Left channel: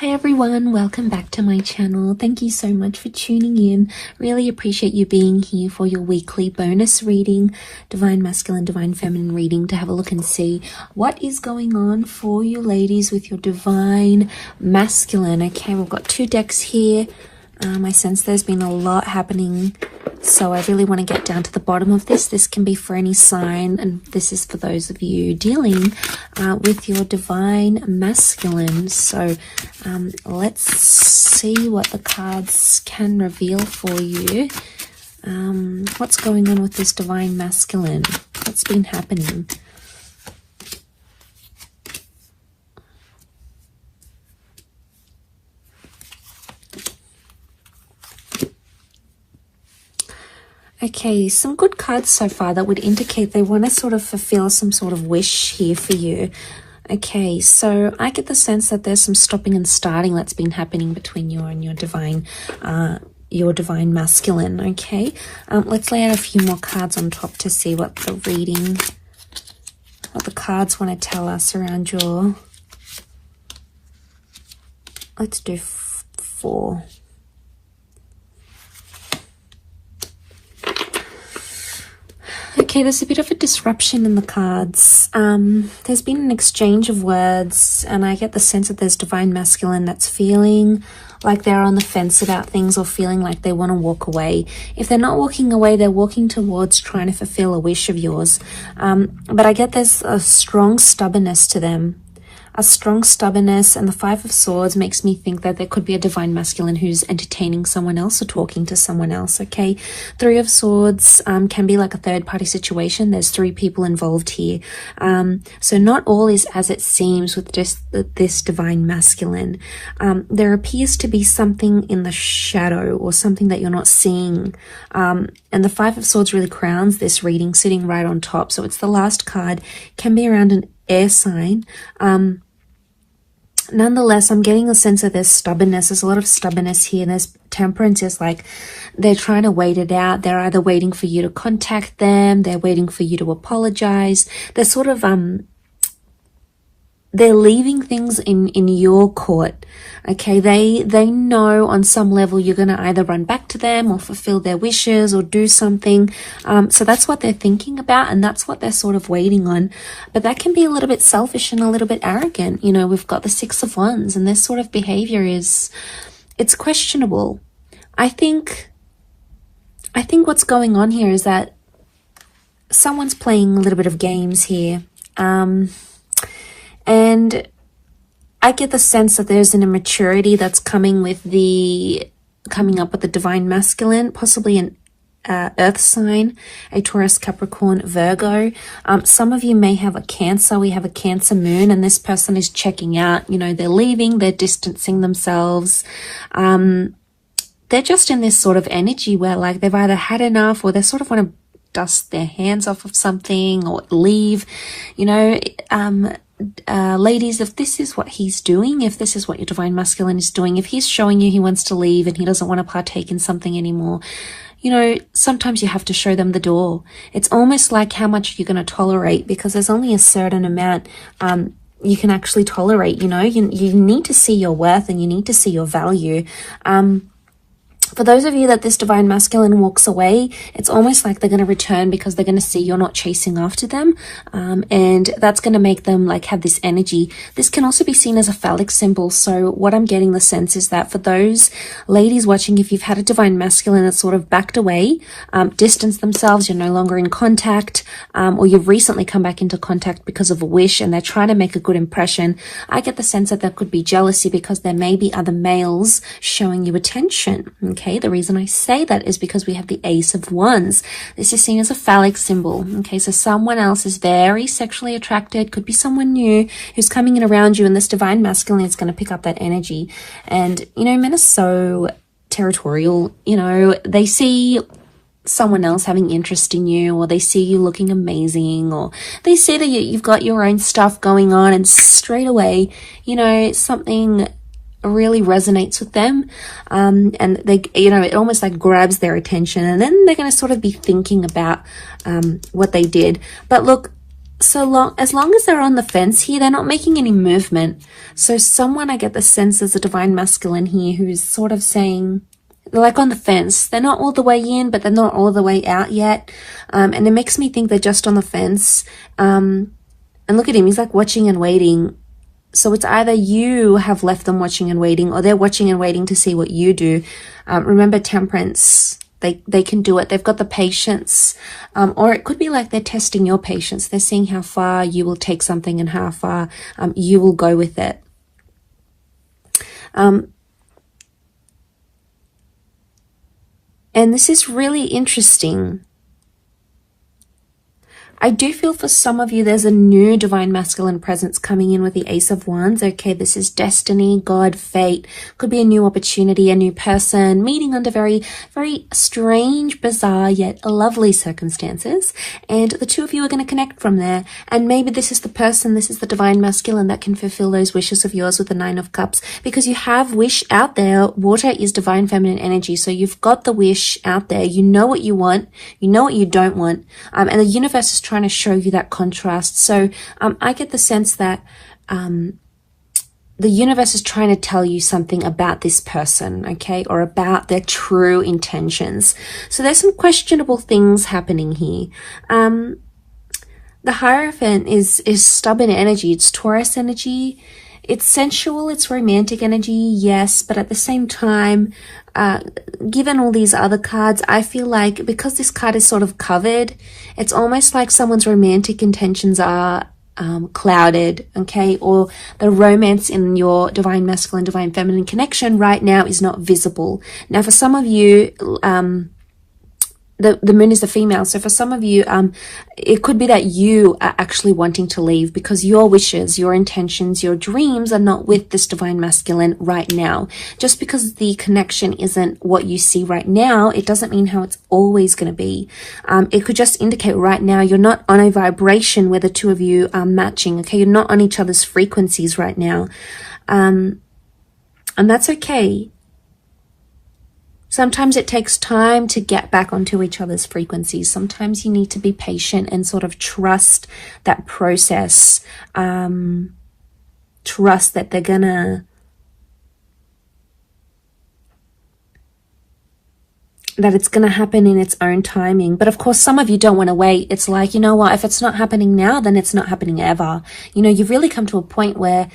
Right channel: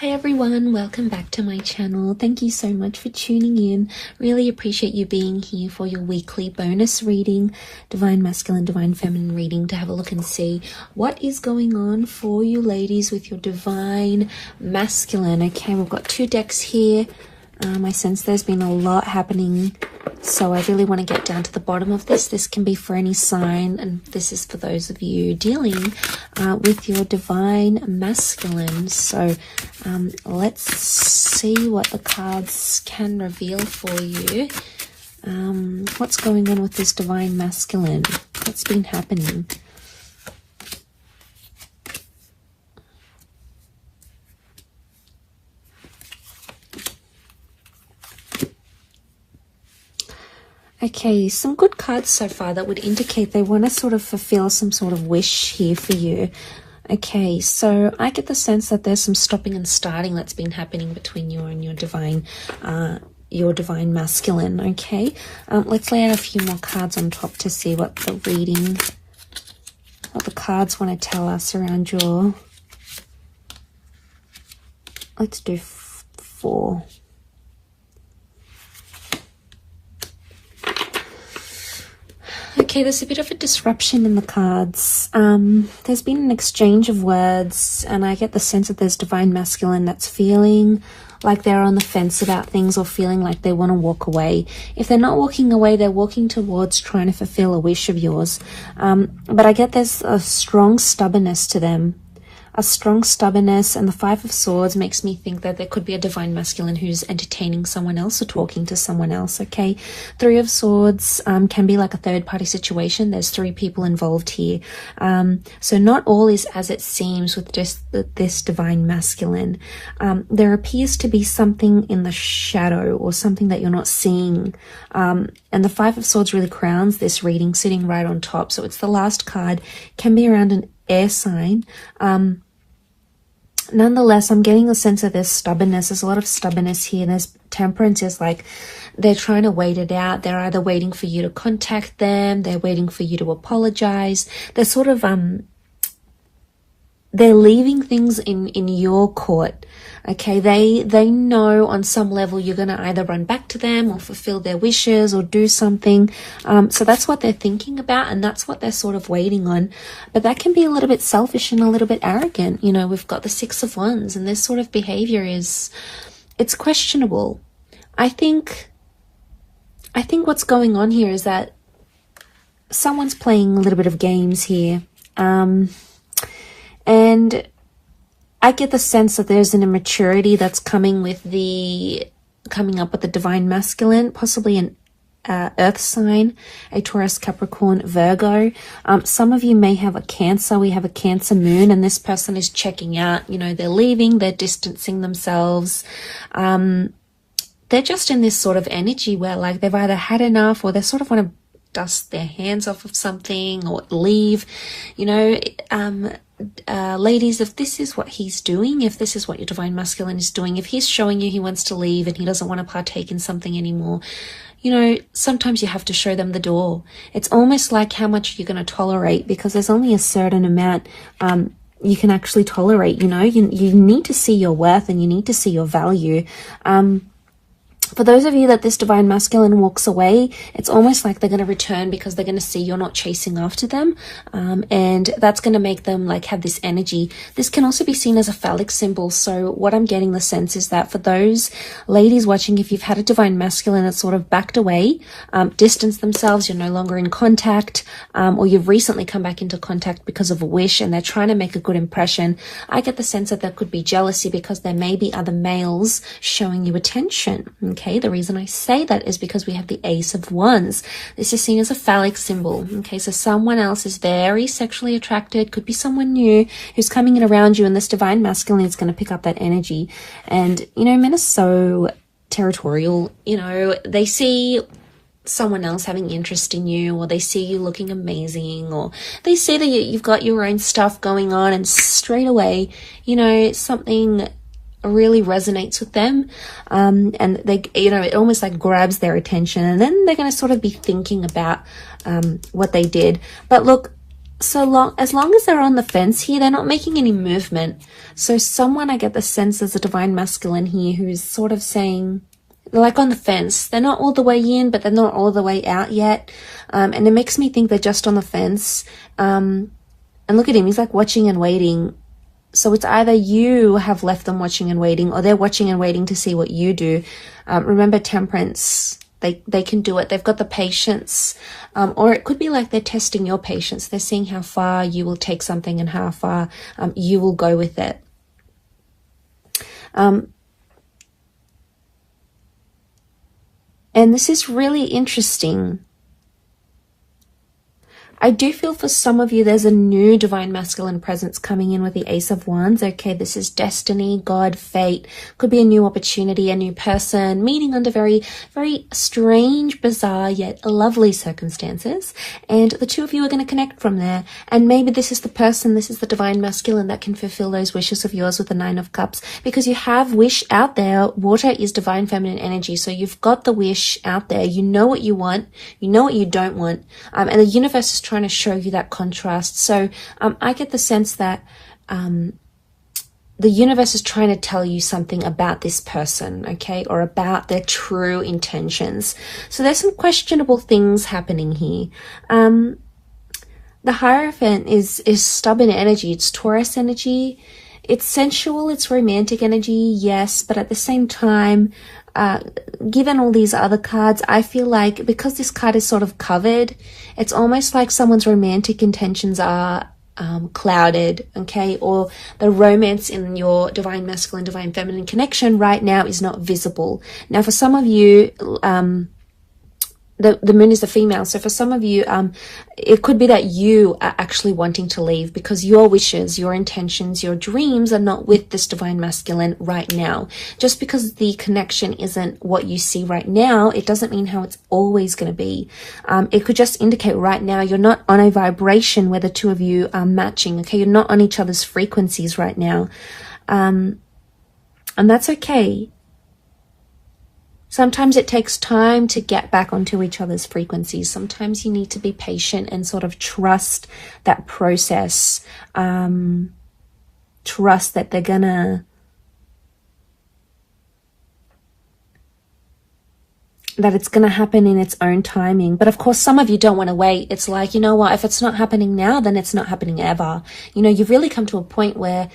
Hi everyone, welcome back to my channel. Thank you so much for tuning in. Really appreciate you being here for your weekly bonus reading, Divine Masculine, Divine Feminine reading, to have a look and see what is going on for you ladies with your Divine Masculine. Okay, we've got two decks here. I sense there's been a lot happening, so I really want to get down to the bottom of this. This can be for any sign, and this is for those of you dealing with your Divine Masculine. So let's see what the cards can reveal for you. What's going on with this Divine Masculine? What's been happening? Okay, some good cards so far that would indicate they want to sort of fulfill some sort of wish here for you. Okay, so I get the sense that there's some stopping and starting that's been happening between you and your Divine Masculine. Okay, let's lay out a few more cards on top to see what the reading, what the cards want to tell us around your. Let's do 4. Okay, there's a bit of a disruption in the cards. There's been an exchange of words, and I get the sense that there's Divine Masculine that's feeling like they're on the fence about things, or feeling like they want to walk away. If they're not walking away, they're walking towards trying to fulfill a wish of yours. But I get there's a strong stubbornness to them. A strong stubbornness, and the 5 of Swords makes me think that there could be a Divine Masculine who's entertaining someone else or talking to someone else, okay? 3 of Swords can be like a third-party situation. There's 3 people involved here. So not all is as it seems with just this Divine Masculine. There appears to be something in the shadow, or something that you're not seeing. And the 5 of Swords really crowns this reading, sitting right on top. So it's the last card. Can be around an air sign. Nonetheless, I'm getting a sense of there's stubbornness. There's a lot of stubbornness here. There's Temperance is like they're trying to wait it out. They're either waiting for you to contact them, they're waiting for you to apologize. They're sort of they're leaving things in your court. Okay, they know on some level you're going to either run back to them or fulfill their wishes or do something. So that's what they're thinking about, and that's what they're sort of waiting on. But that can be a little bit selfish and a little bit arrogant. You know, we've got the 6 of Wands, and this sort of behavior it's questionable. I think what's going on here is that someone's playing a little bit of games here. And I get the sense that there's an immaturity that's coming up with the Divine Masculine, possibly an earth sign, a Taurus, Capricorn, Virgo. Some of you may have a Cancer. We have a Cancer moon, and this person is checking out. You know, they're leaving, they're distancing themselves. They're just in this sort of energy where like they've either had enough, or they sort of want to dust their hands off of something or leave. You know, ladies, if this is what he's doing, if this is what your Divine Masculine is doing, if he's showing you he wants to leave and he doesn't want to partake in something anymore, you know, sometimes you have to show them the door. It's almost like how much you're going to tolerate, because there's only a certain amount you can actually tolerate. You know, you need to see your worth, and you need to see your value. For those of you that this Divine Masculine walks away, it's almost like they're going to return because they're going to see you're not chasing after them. And that's going to make them like have this energy. This can also be seen as a phallic symbol. So what I'm getting the sense is that for those ladies watching, if you've had a Divine Masculine that's sort of backed away, distanced themselves, you're no longer in contact, or you've recently come back into contact because of a wish and they're trying to make a good impression, I get the sense that there could be jealousy because there may be other males showing you attention. Okay, the reason I say that is because we have the Ace of Wands. This is seen as a phallic symbol. Okay, so someone else is very sexually attracted, could be someone new who's coming in around you, and this Divine Masculine is going to pick up that energy. And, you know, men are so territorial. You know, they see someone else having interest in you, or they see you looking amazing, or they see that you've got your own stuff going on, and straight away, you know, something really resonates with them, and they, you know, it almost like grabs their attention, and then they're going to sort of be thinking about what they did. But look, as long as they're on the fence here, they're not making any movement. So someone, I get the sense, is a divine masculine here who's sort of saying, like on the fence. They're not all the way in, but they're not all the way out yet. And it makes me think they're just on the fence. And look at him, he's like watching and waiting. So it's either you have left them watching and waiting, or they're watching and waiting to see what you do. Remember, temperance, they can do it. They've got the patience. Or it could be like they're testing your patience. They're seeing how far you will take something and how far you will go with it. And this is really interesting. I do feel for some of you there's a new divine masculine presence coming in with the Ace of Wands. Okay, this is destiny, God, fate. Could be a new opportunity, a new person, meeting under very, very strange, bizarre, yet lovely circumstances. And the two of you are going to connect from there. And maybe this is the person, this is the divine masculine that can fulfill those wishes of yours with the Nine of Cups. Because you have wish out there. Water is divine feminine energy. So you've got the wish out there. You know what you want. You know what you don't want. And the universe is trying to show you that contrast. So I get the sense that the universe is trying to tell you something about this person, okay, or about their true intentions. So there's some questionable things happening here. The Hierophant is stubborn energy. It's Taurus energy. It's sensual. It's romantic energy, yes, but at the same time, given all these other cards, I feel like because this card is sort of covered, it's almost like someone's romantic intentions are clouded, okay, or the romance in your divine masculine, divine feminine connection right now is not visible. Now, for some of you, the moon is the female, so for some of you, it could be that you are actually wanting to leave because your wishes, your intentions, your dreams are not with this divine masculine right now. Just because the connection isn't what you see right now, it doesn't mean how it's always going to be. It could just indicate right now you're not on a vibration where the two of you are matching, okay? You're not on each other's frequencies right now. And that's okay. Sometimes it takes time to get back onto each other's frequencies. Sometimes you need to be patient and sort of trust that process. Trust that they're gonna, that it's going to happen in its own timing. But of course, some of you don't want to wait. It's like, you know what, if it's not happening now, then it's not happening ever. You know, you've really come to a point where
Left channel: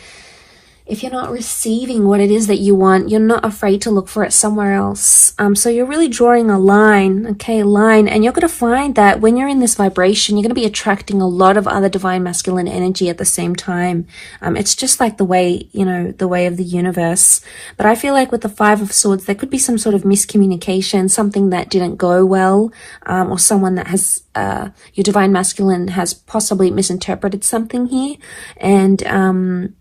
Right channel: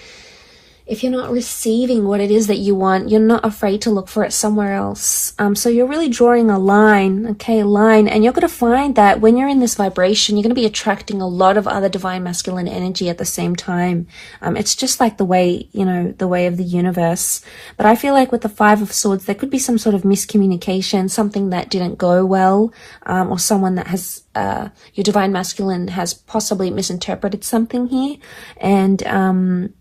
if you're not receiving what it is that you want, you're not afraid to look for it somewhere else. So you're really drawing a line, okay, a line, and you're going to find that when you're in this vibration, you're going to be attracting a lot of other divine masculine energy at the same time. It's just like the way, you know, the way of the universe. But I feel like with the Five of Swords, there could be some sort of miscommunication, something that didn't go well, or someone that has, your divine masculine has possibly misinterpreted something here, and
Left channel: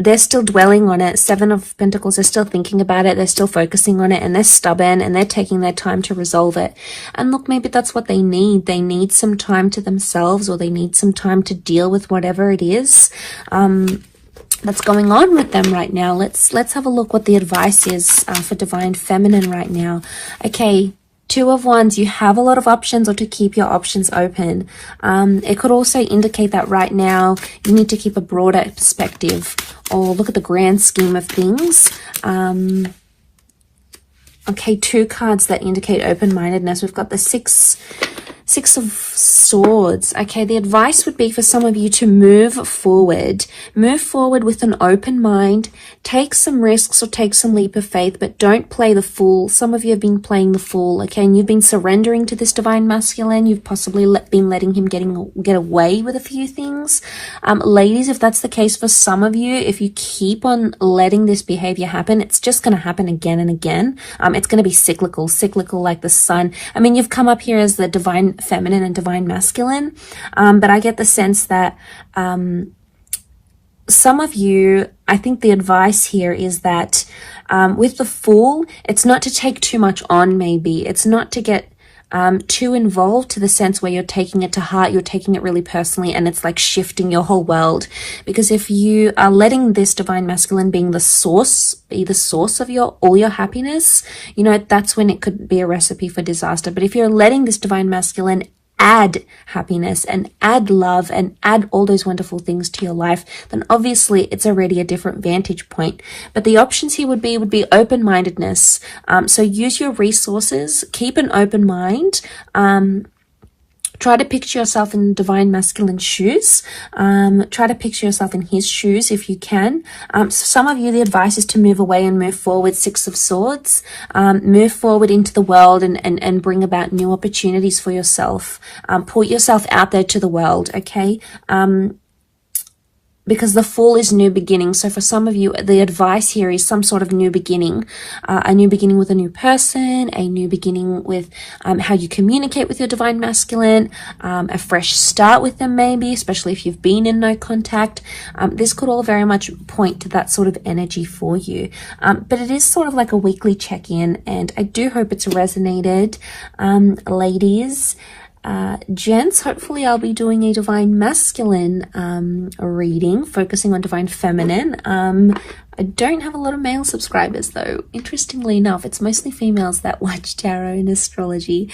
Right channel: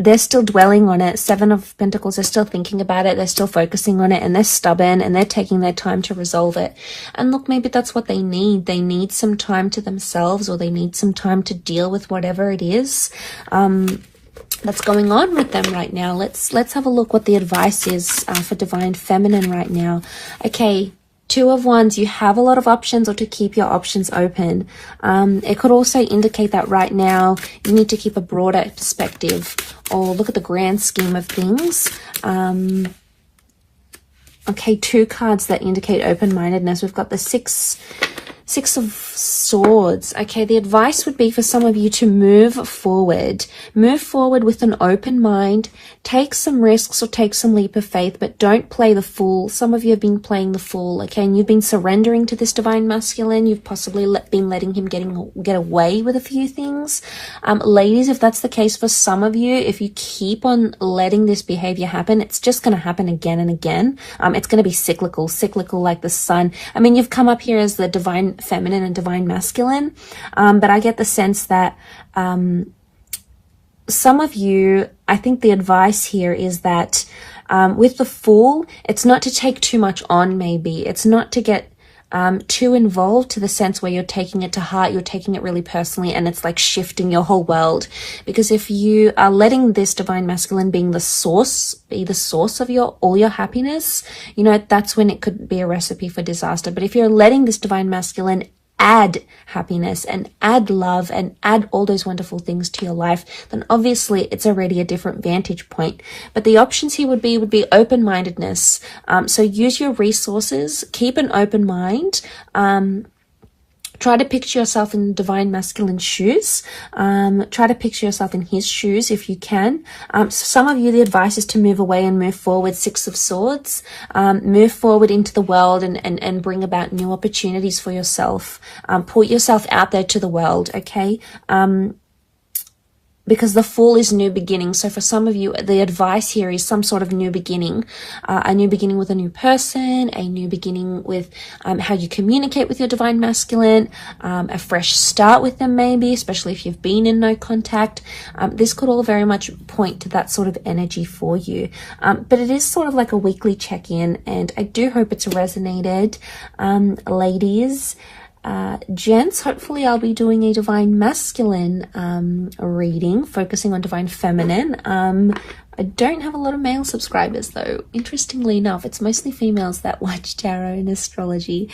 they're still dwelling on it. Seven of Pentacles, they're still thinking about it, they're still focusing on it, and they're stubborn, and they're taking their time to resolve it. And look, maybe that's what they need. They need some time to themselves, or they need some time to deal with whatever it is that's going on with them right now. Let's have a look what the advice is for divine feminine right now. Okay, Two of Wands, you have a lot of options, or to keep your options open. It could also indicate that right now you need to keep a broader perspective, or look at the grand scheme of things. Okay, two cards that indicate open-mindedness. We've got the Six of Swords. Okay, the advice would be for some of you to move forward. Move forward with an open mind. Take some risks, or take some leap of faith, but don't play the fool. Some of you have been playing the fool, okay, and you've been surrendering to this divine masculine. You've possibly been letting him get away with a few things. Ladies, if that's the case for some of you, if you keep on letting this behavior happen, it's just going to happen again and again. It's going to be cyclical like the sun. I mean, you've come up here as the divine feminine and divine masculine, but I get the sense that some of you, I think the advice here is that with the Fool, it's not to take too much on. Maybe it's not to get too involved, to the sense where you're taking it to heart, you're taking it really personally, and it's like shifting your whole world. Because if you are letting this divine masculine be the source of all your happiness, you know, that's when it could be a recipe for disaster. But if you're letting this divine masculine add happiness and add love and add all those wonderful things to your life, then obviously it's already a different vantage point. But the options here would be open-mindedness. So use your resources, keep an open mind. Try to picture yourself in divine masculine shoes. Try to picture yourself in his shoes if you can. So some of you, the advice is to move away and move forward. Six of Swords. Move forward into the world and bring about new opportunities for yourself. Put yourself out there to the world, okay? Because the Fool is new beginning. So for some of you, the advice here is some sort of new beginning, a new beginning with a new person, a new beginning with how you communicate with your divine masculine, a fresh start with them maybe, especially if you've been in no contact. This could all very much point to that sort of energy for you. But it is sort of like a weekly check-in, and I do hope it's resonated, ladies. Gents, hopefully I'll be doing a divine masculine reading, focusing on divine feminine. I don't have a lot of male subscribers though. Interestingly enough, it's mostly females that watch tarot and astrology.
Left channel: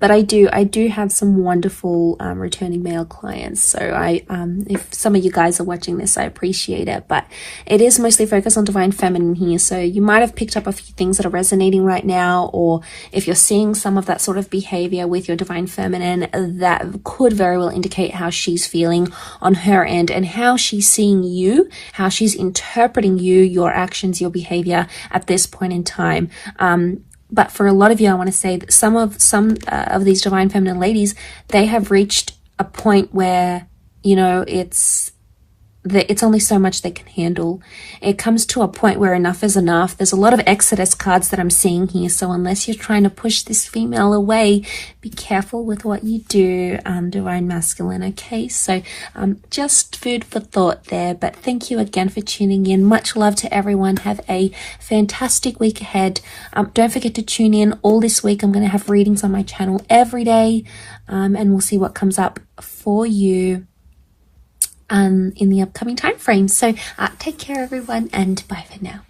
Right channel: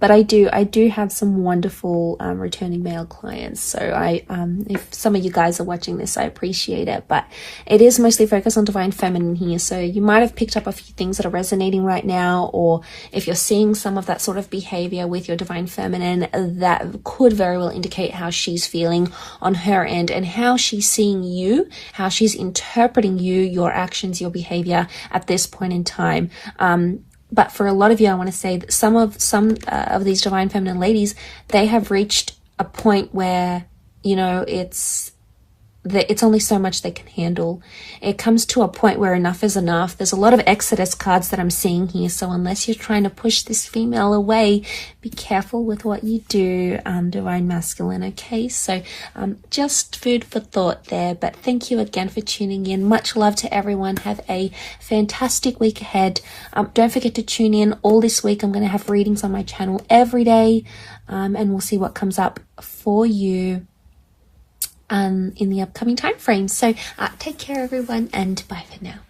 But I do have some wonderful returning male clients. So if some of you guys are watching this, I appreciate it. But it is mostly focused on divine feminine here. So you might have picked up a few things that are resonating right now, or if you're seeing some of that sort of behavior with your divine feminine, that could very well indicate how she's feeling on her end and how she's seeing you, how she's interpreting you, your actions, your behavior at this point in time. But for a lot of you, I want to say that some of these divine feminine ladies, they have reached a point where, you know, it's only so much they can handle. It comes to a point where enough is enough. There's a lot of Exodus cards that I'm seeing here. So unless you're trying to push this female away, be careful with what you do, divine masculine, okay? So just food for thought there. But thank you again for tuning in. Much love to everyone. Have a fantastic week ahead. Don't forget to tune in all this week. I'm going to have readings on my channel every day, and we'll see what comes up for you in the upcoming time frame. So take care everyone, and bye for now.